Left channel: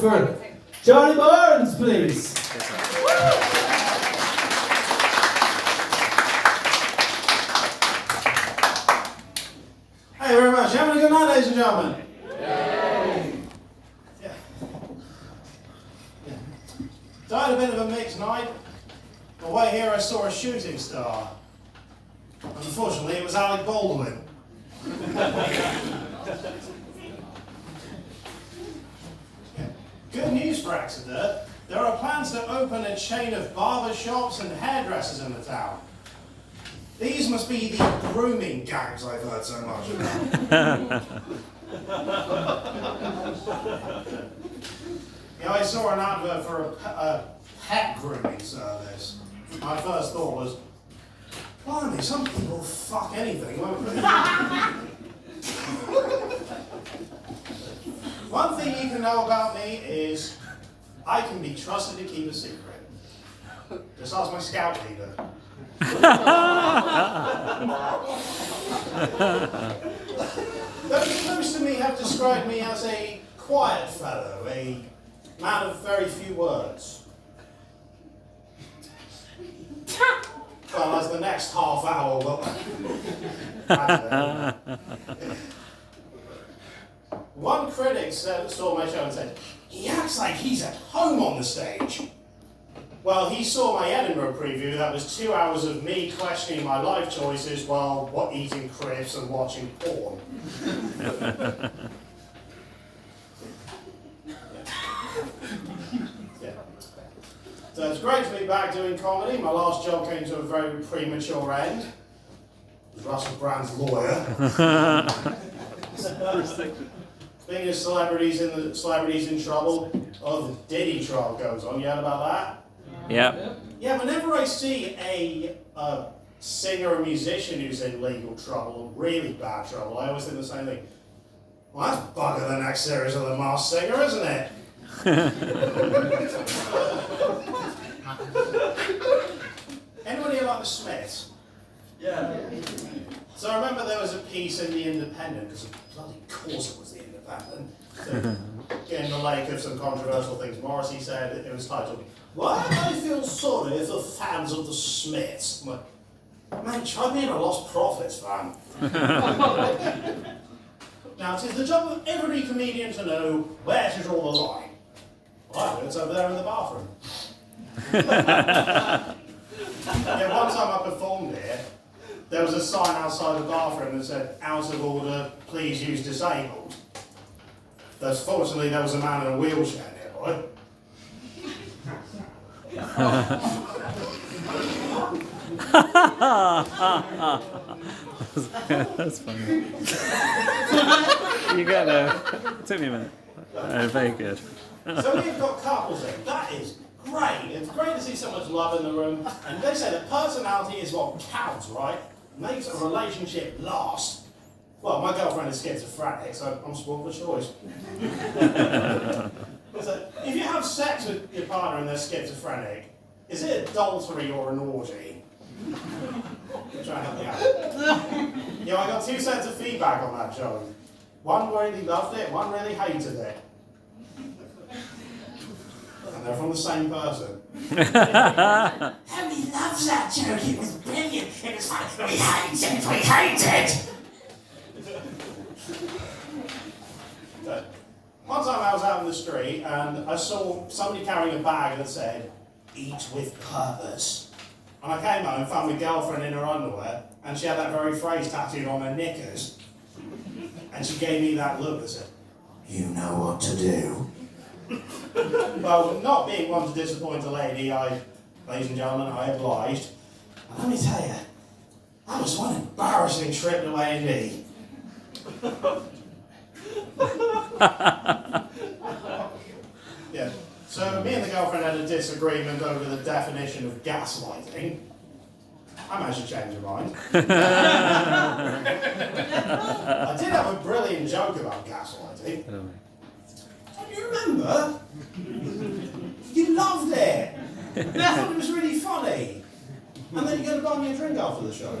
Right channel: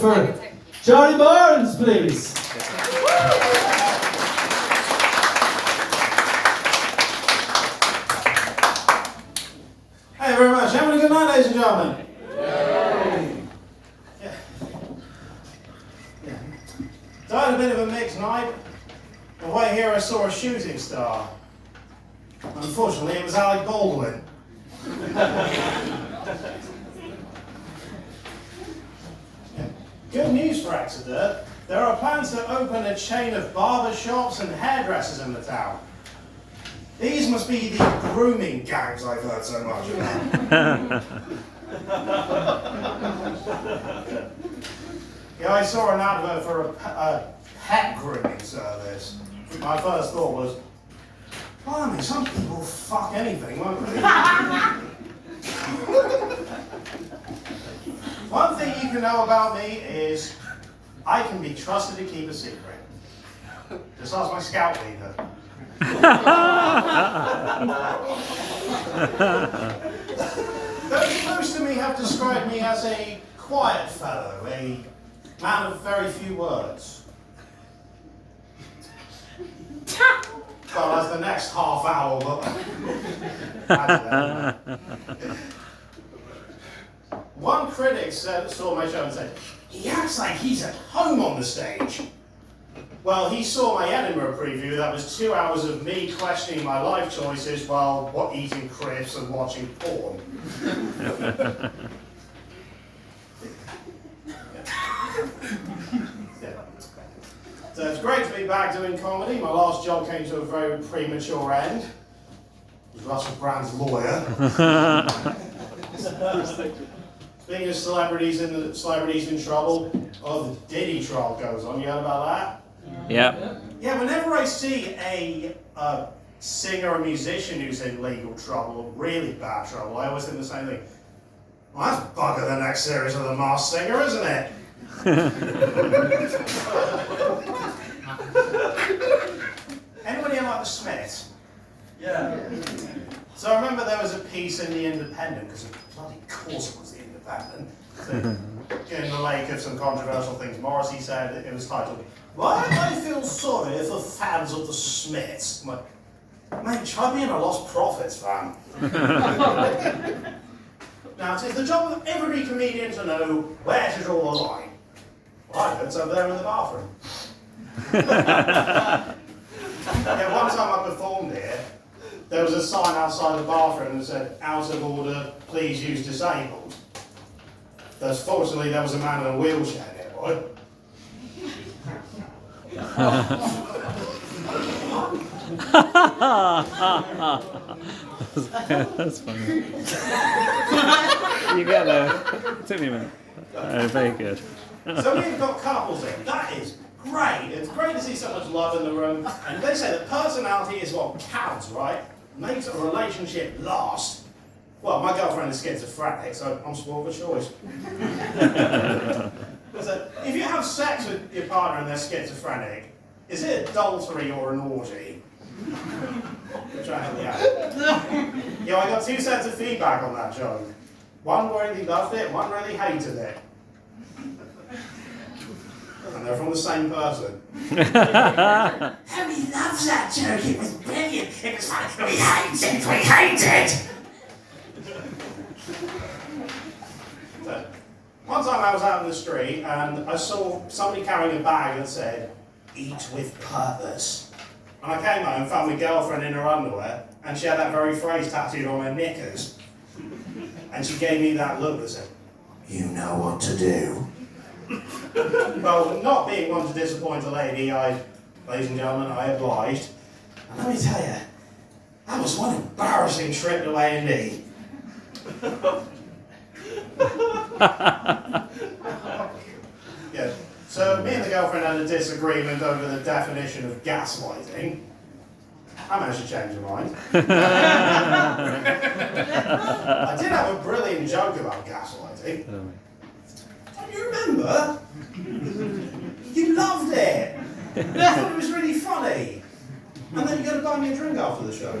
for Johnny Barnes, please. Hey, very much. Having a good night, ladies and gentlemen. Yeah. So I had a bit of a mixed night. On the way here, I saw a shooting star. Unfortunately, it was Alec Baldwin. Good news for Exeter. There are plans to open a chain of barber shops and hairdressers in the town. These must be the grooming gangs I've heard so much about. Yeah, I saw an advert for a pet grooming service. My first thought was, blimey, some people fuck anything, won't they? One thing you can know about me is I can be trusted to keep a secret. Just ask my scout leader. Those close to me have described me as a quiet fellow, a man of very few words. Well, that's the next half hour, but one critic saw my show and said, he acts like he's at home on the stage. Well, he saw my Edinburgh preview. That was 2 hours of me questioning my life choices while eating crisps and watching porn. Yeah. So it's great to be back doing comedy. My last job came to a very premature end. It was Russell Brand's lawyer. Speaking of celebrities in trouble, the Diddy trial goes on. You heard about that? Yeah. Yeah, whenever I see a singer or musician who's in legal trouble, really bad trouble, I always think the same thing. Well, that's bugger the next series of The Masked Singer, isn't it? Anybody here like the Smiths? Yeah. So I remember there was a piece in The Independent, because of bloody course it was The Independent. So, in the lake of some controversial things, Morrissey said it was titled, "Why do I feel sorry for fans of the Smiths?" I'm like, mate, try being a Lost Prophets fan. Now, it is the job of every comedian to know where to draw the line. Well, I know it's over there in the bathroom. Yeah, one time I performed here, there was a sign outside the bathroom that said, "Out of order, please use disabled." Thus, fortunately, there was a man in a wheelchair nearby. That's funny. You got there. It took me a minute. Very good. So we've got couples in. That is great. It's great to see so much love in the room. And they say that personality is what counts, right? Makes a relationship last. Well, my girlfriend is schizophrenic, so I'm spoiled for choice. So if you have sex with your partner and they're schizophrenic, is it adultery or an orgy? Try and help me out. Yeah, I got 2 sets of feedback on that joke. One really loved it, one really hated it. And they're from the same person. He loves that joke, it was brilliant, it was funny, we hate it! So, one time I was out in the street and I saw somebody carrying a bag that said, "Eat with purpose." And I came home and found my girlfriend in her underwear and she had that very phrase tattooed on her knickers. And she gave me that look that said, "You know what to do." Well, not being one to disappoint a lady, ladies and gentlemen, I obliged. And let me tell you, that was one embarrassing trip to A&E. Yeah. So me and the girlfriend had a disagreement over the definition of gaslighting. I managed to change her mind. I did have a brilliant joke about gaslighting. Don't you remember? You loved it. I thought it was really funny. And then you're going to buy me a drink after the show.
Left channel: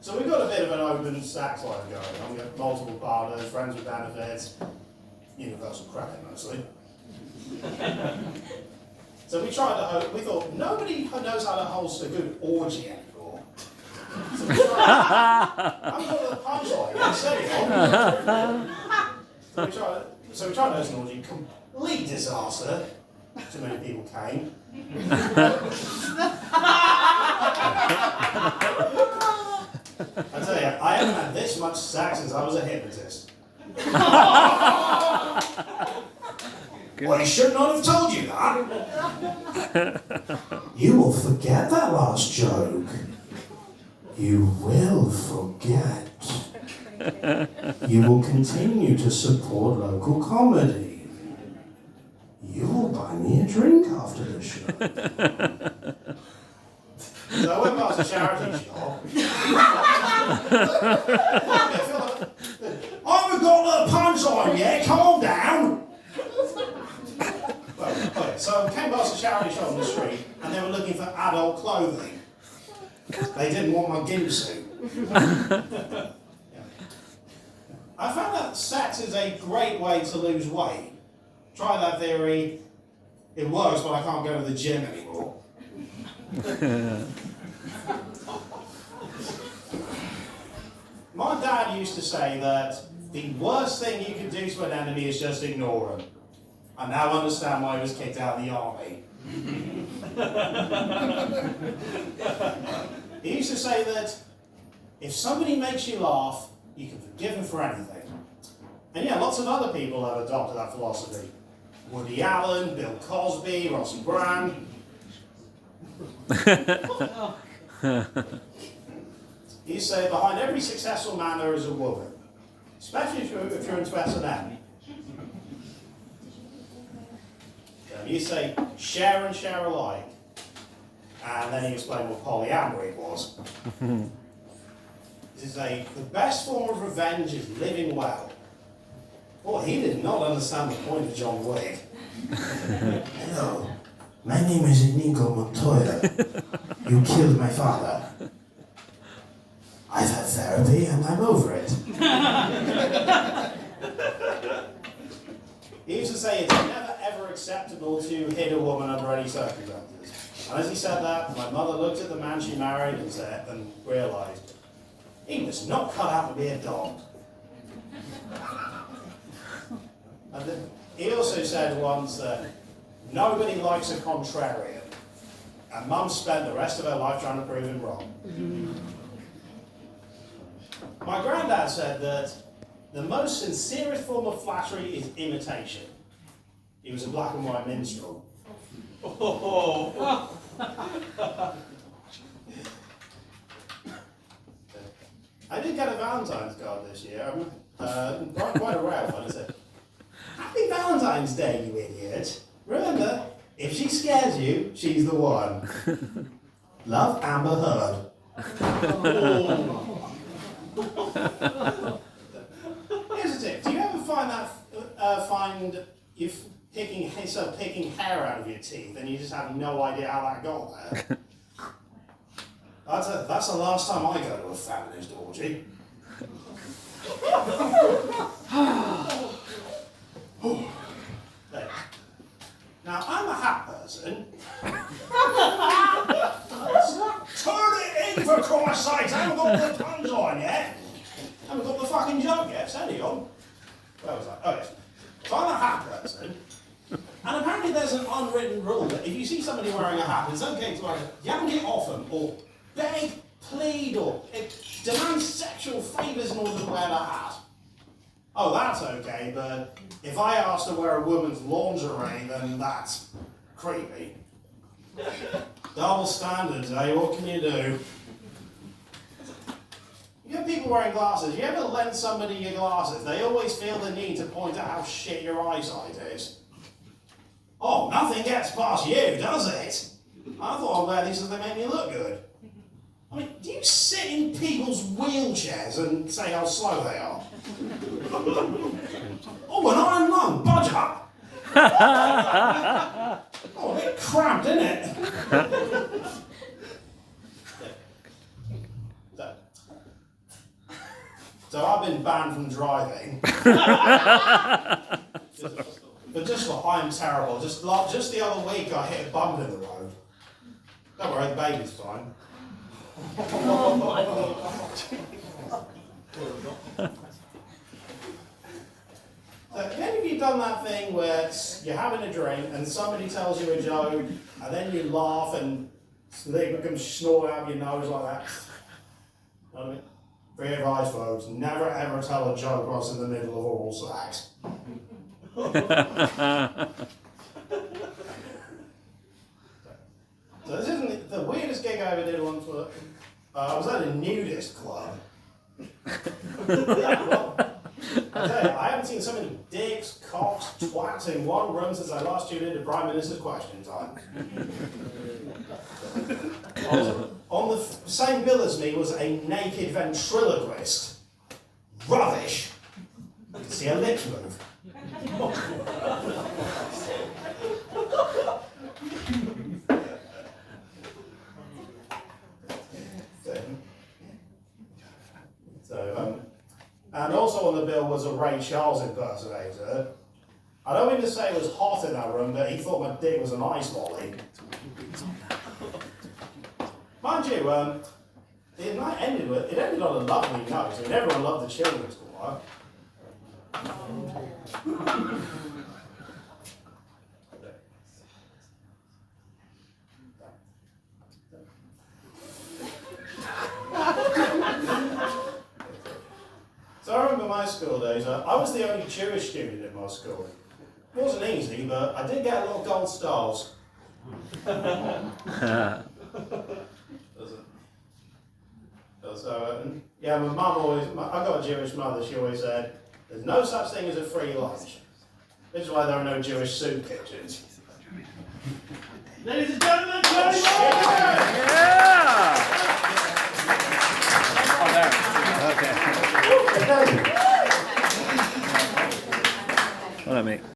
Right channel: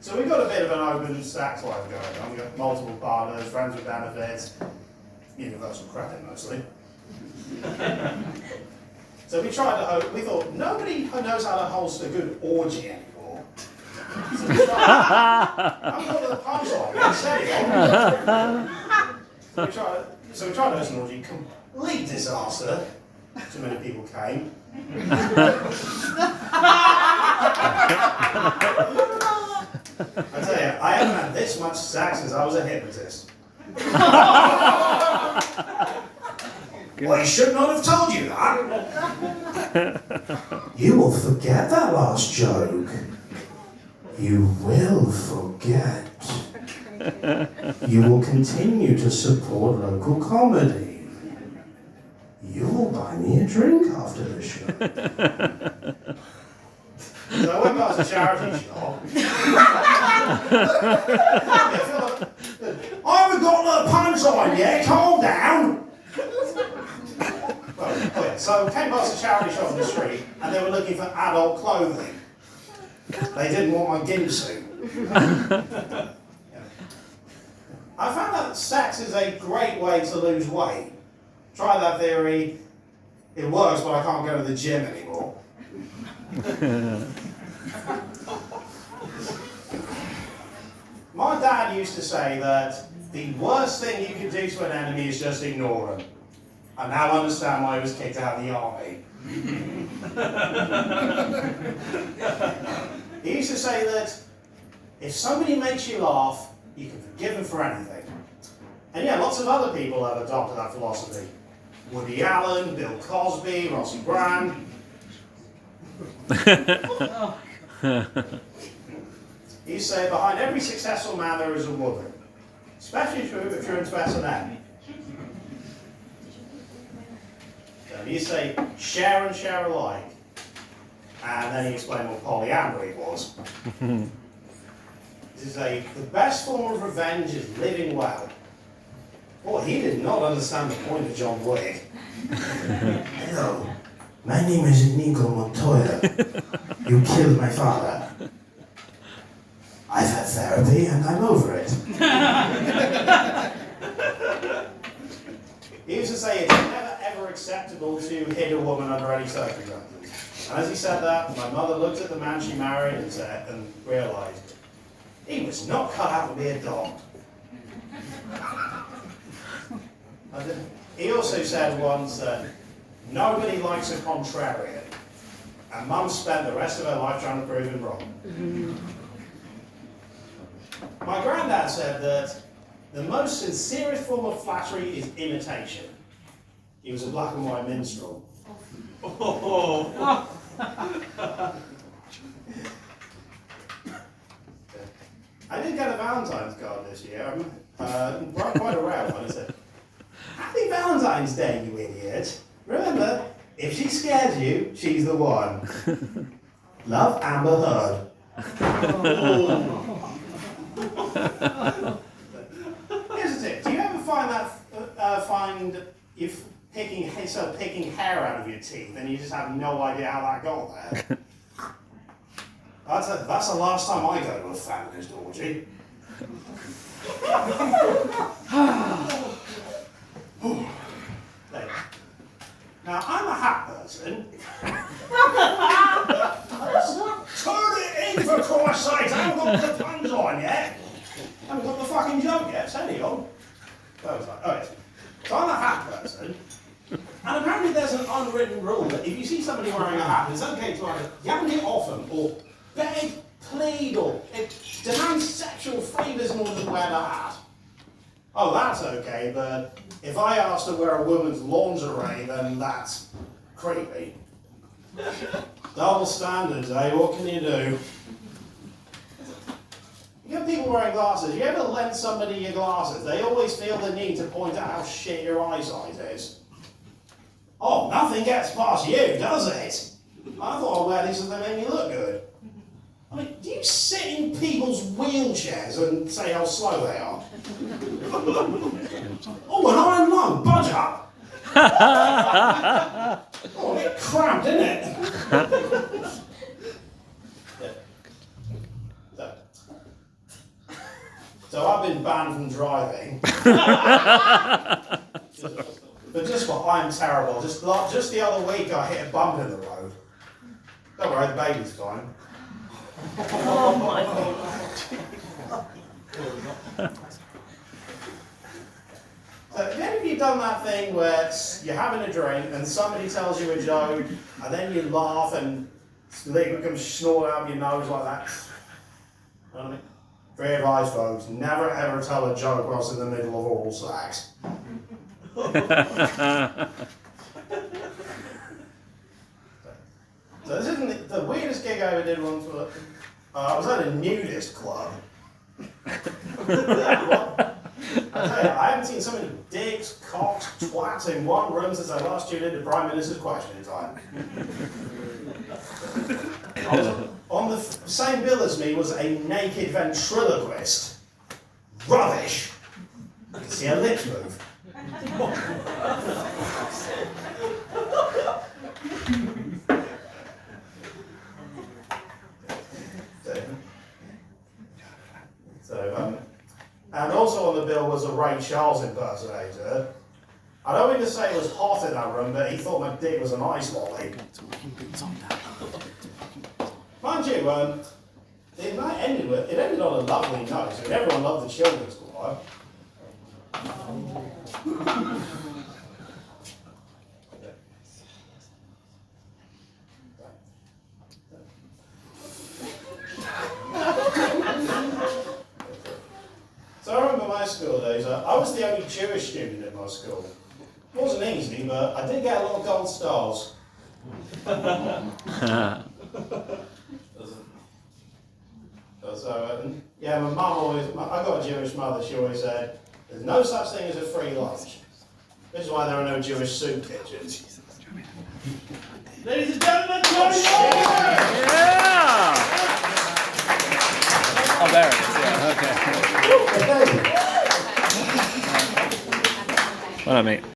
So we've got a bit of an open sex life going on. We've got multiple partners, friends with benefits. universal credit mostly. So we thought, nobody knows how to host a good orgy anymore. So we tried the punchline instead. So we tried hosting an orgy, complete disaster. Too many people came. I tell you, I haven't had this much sex since I was a hypnotist. I should not have told you that. You will forget that last joke. You will forget. You will continue to support local comedy. You will buy me a drink after the show. So I went past a charity shop. I haven't got the punchline yet, calm down. So I came past a charity shop on the street and they were looking for adult clothing. They didn't want my gimp suit. I found out that sex is a great way to lose weight. Try that theory. It works, but I can't go to the gym anymore. My dad used to say that the worst thing you can do to an enemy is just ignore them. I now understand why he was kicked out of the army. He used to say that if somebody makes you laugh, you can forgive them for anything. And yeah, lots of other people have adopted that philosophy. Woody Allen, Bill Cosby, Rossi Brand. He used to say, behind every successful man there is a woman. Especially if you're into S&M. He used to say, share and share alike. And then he explained what polyamory was. He used to say, the best form of revenge is living well. Boy, he did not understand the point of John Wick. Hello, my name is Inigo Montoya. You killed my father. I've had therapy and I'm over it. He used to say it's never ever acceptable to hit a woman under any circumstances. And as he said that, my mother looked at the man she married and realised he was not cut out to be a dog. And he also said once that nobody likes a contrarian. And Mum spent the rest of her life trying to prove him wrong. My granddad said that the most sincerest form of flattery is imitation. He was a black and white minstrel. Oh. I did get a Valentine's card this year. Quite a rare one. It said, "Happy Valentine's Day, you idiot. Remember, if she scares you, she's the one. Love, Amber Heard." Here's the tip. Do you ever find you picking hair out of your teeth and you just have no idea how that got there? That's the last time I go to a feminist orgy. Now, I'm a hat person. Turn it in, for Christ's sake! I haven't got the puns on yet. I haven't got the fucking joke yet. Steady on. Okay. So I'm a hat person. And apparently there's an unwritten rule that if you see somebody wearing a hat, it's okay to either yank it off them or beg, plead, or demand sexual favours in order to wear the hat. Oh, that's okay, but if I ask to wear a woman's lingerie, then that's creepy. Double standards, eh? What can you do? You get people wearing glasses. You ever lend somebody your glasses? They always feel the need to point out how shit your eyesight is. Oh, nothing gets past you, does it? I thought I'd wear these so they make me look good. I mean, do you sit in people's wheelchairs and say how slow they are? Oh, an iron lung, budge up. Oh, a bit cramped, isn't it? So I've been banned from driving But just what I'm terrible. Just the other week, I hit a bump in the road. Don't worry, the baby's fine. Oh my God. So, have any of you done that thing where you're having a drink and somebody tells you a joke and then you laugh and liquid comes snort out of your nose like that? You know what I mean? Free advice, folks, never ever tell a joke whilst in the middle of oral sex. So this isn't the weirdest gig I ever did once. I was at a nudist club. I tell you, I haven't seen so many dicks, cocks, twats in one room since I last tuned into Prime Minister's Question Time. On the same bill as me was a naked ventriloquist. Rubbish. You can see her lips move. And also on the bill was a Ray Charles impersonator. I don't mean to say it was hot in that room, but he thought my dick was an ice lolly. Mind you, it ended on a lovely note. I mean, everyone loved the children's choir. So I remember my school days, I was the only Jewish student at my school. It wasn't easy, but I did get a lot of gold stars. So, yeah, my mum I got a Jewish mother, she always said, there's no such thing as a free lunch. This is why there are no Jewish soup kitchens. Ladies and gentlemen, Charlie Burns! Yeah! Oh, there it is. Yeah, okay. Well done, mate.